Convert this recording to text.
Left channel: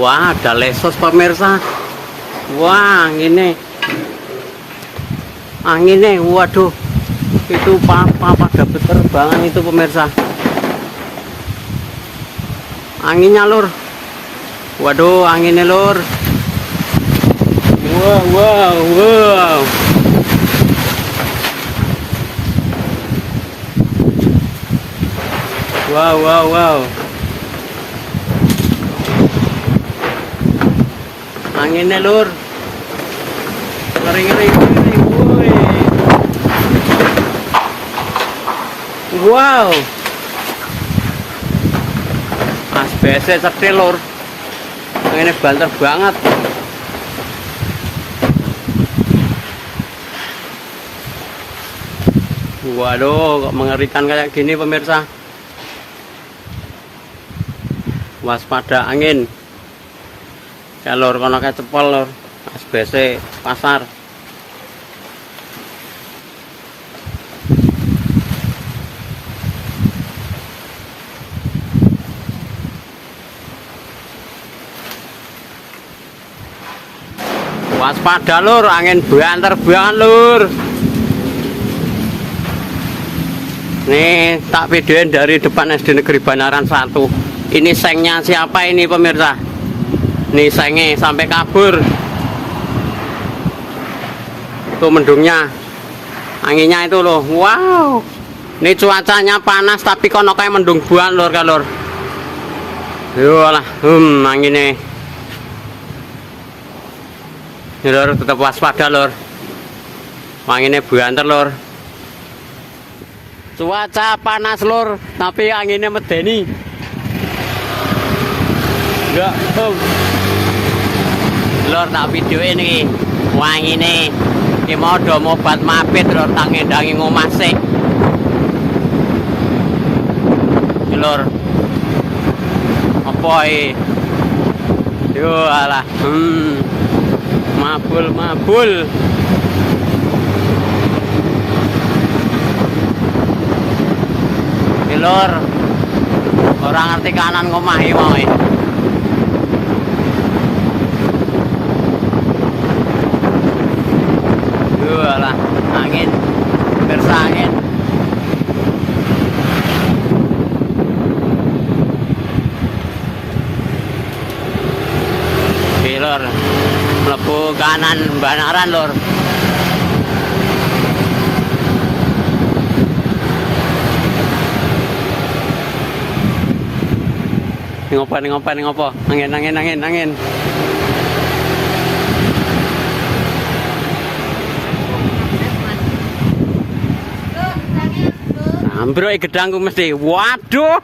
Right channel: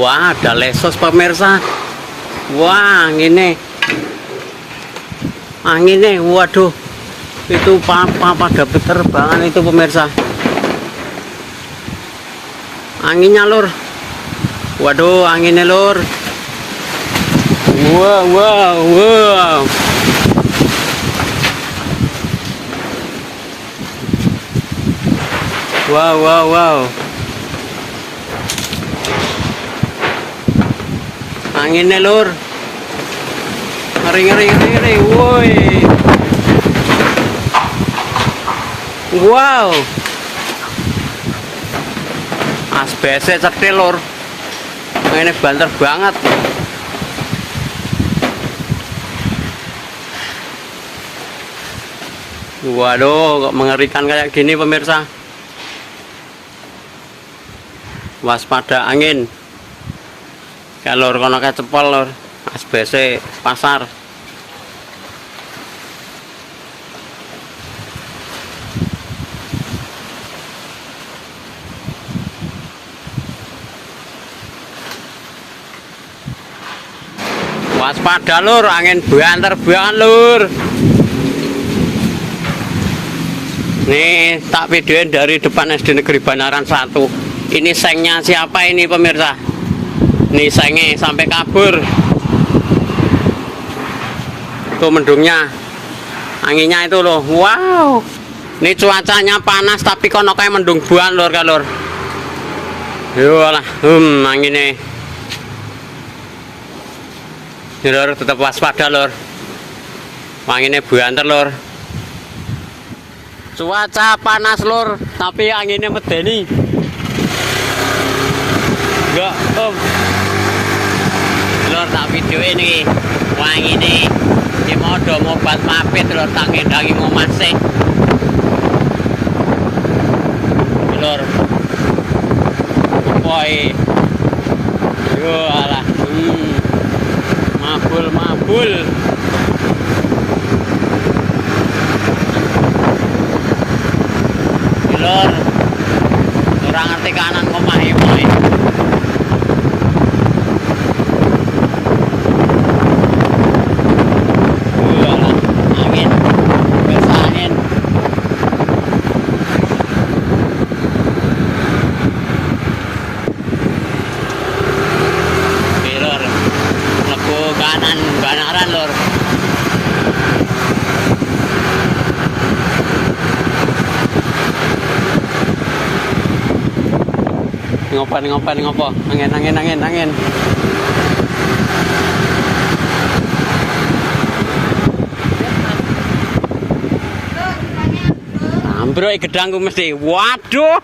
Wah, ada lesos pemirsa. Wah, anginnya, waduh, itu pada berterbangan itu pemirsa. Anginnya lur, waduh, anginnya lur. Wow. Wow. Anginnya lur. Ngeri, woi. Wow. Asbesnya cetil lur. Ini banter banget. Waduh, kok mengerikan kayak gini pemirsa. Waspada angin. Kalau kono kecepol lur, asbesnya pasar. Waspada lur, angin banter banget lur. Nih tak videoin dari depan SD Negeri Banaran 1. Ini sengnya siapa ini pemirsa? Nih sengnya sampai kabur. Tuh mendungnya, anginnya itu loh. Wow. Ini cuacanya panas tapi kono kayak mendung buan lur kalur. Yolah, anginnya. Lur tetap waspada lur. Anginnya banter lur. Cuaca panas lur, tapi anginnya medeni. Enggak, lur tak video ini. Wang ini di modo mobat mapit lur, tak ngendangi ngomase. Lur. Apoi. Yo alah. Mabul. Lur, orang ngerti kanan ngomah iki mau. Walah, angin. Dersa angin. Lur, mlebu kanan Banaran lur. Ngopo. Angin. Ambruk gedangku mesti. Waduh.